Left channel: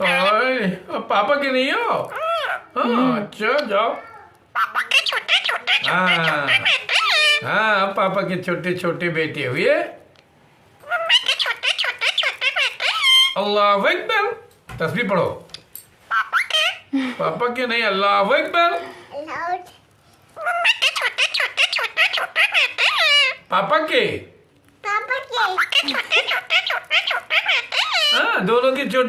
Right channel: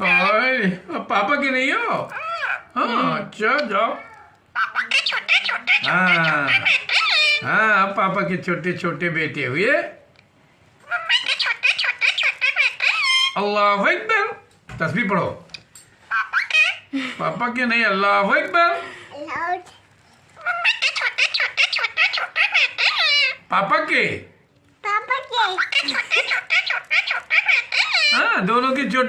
और पापा के नहीं हो? हाँ अच्छा जाओ। पापा के छोटे छोटे हाँ बेटे हैं। हाँ पापा के छोटे छोटे बेटे हुए। मम्मी के छोटे छोटे बेटे हैं। अल्लाह अकबर, तस्बीह पढ़ो। पापा के नहीं, अल्लाह अकबर। मम्मी के छोटे छोटे बेटे हैं। पापा के पापा के छोटे छोटे बेटे हैं। हाँ दोनों के छोटे